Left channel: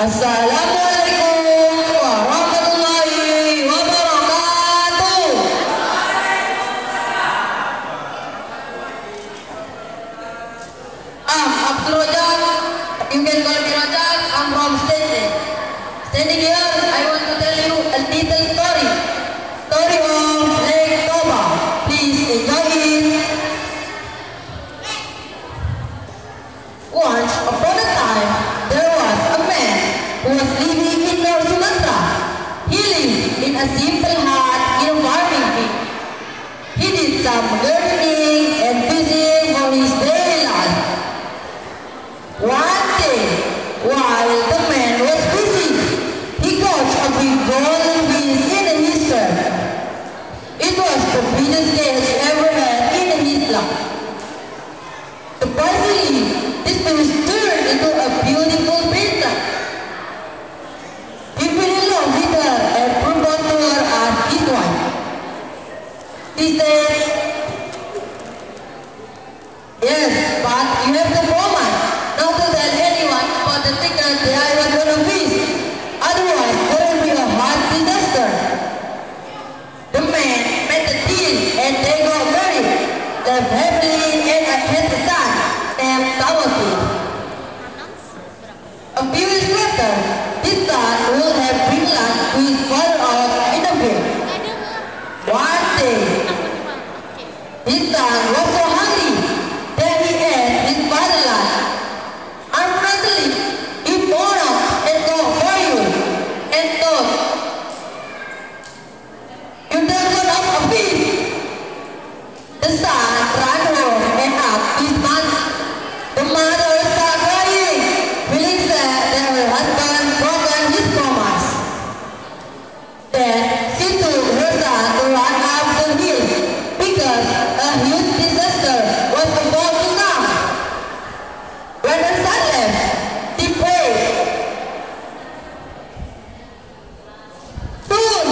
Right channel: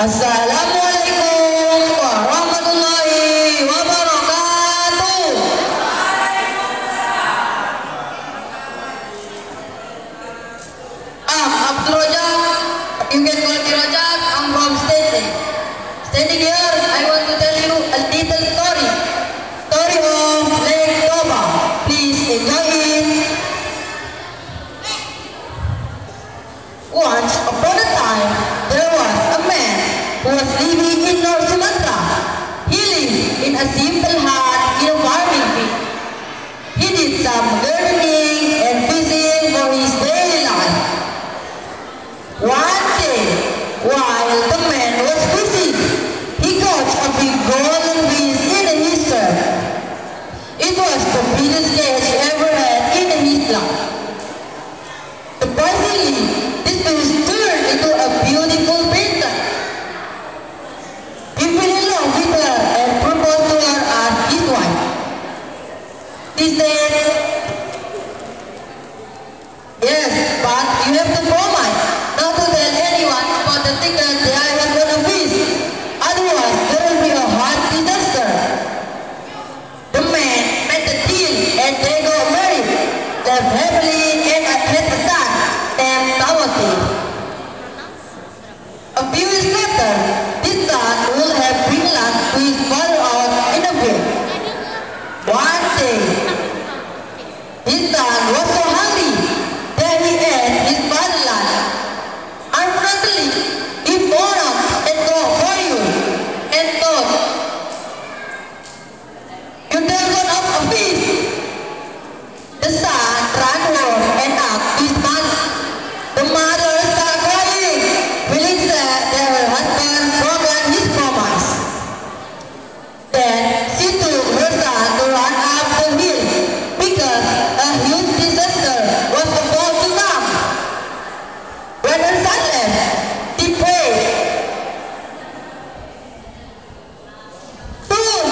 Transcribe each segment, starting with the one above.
Assalamualaikum warahmatullahi wabarakatuh. Abdul Rajak, you can call me Rajak. I'm from Stanley. Standing here, I want to tell you a little story. Story of Lake Toba. Please enjoy it. Once upon a time, there was a man who was living in North Sumatra. He lived in a simple hut in a farming field. He did some gardening and fishing for his daily life. One day, while the man was fishing, he caught a big golden fish in his shirt. It was the biggest catch he ever had in his life. Surprisingly, this fish turned into a beautiful princess. He fell in love with her and proposed to her as his wife. He said, "Yes, but you have to promise not to tell anyone about the secret that I was going to fish. Otherwise, there will be a hard disaster." The man made the deal and they got married. Lived happily and had a son named Tawati. A few years later, this son would have bring lunch to his father out in the field. One day, his son was so hungry that he ate his father's lunch. Unfortunately, he found out and got fired and thought, "You don't got a fish." The son ran home and asked his mother. The mother started crying, feeling sad that her husband forgot his promise. Then she took her son to run up the hill because a huge disaster was about to come. When her son left, she prayed. Soon,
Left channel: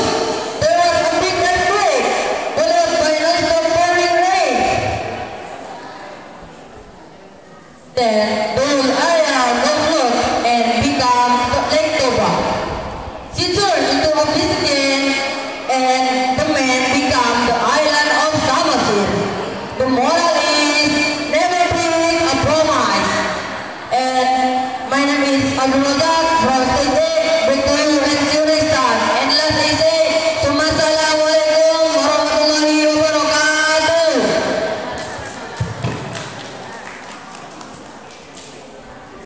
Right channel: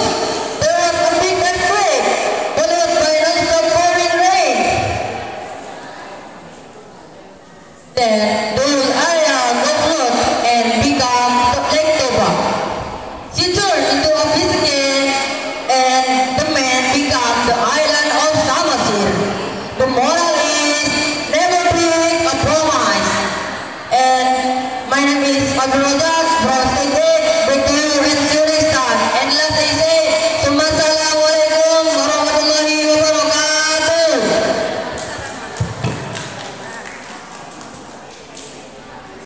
there was a big earthquake, followed by non-stop pouring rain. Then, the whole area got flooded and became Lake Toba. She turned into a fish again, and the man became the island of Samosir. The moral is, never break a promise. And my name is Abdul Rajak.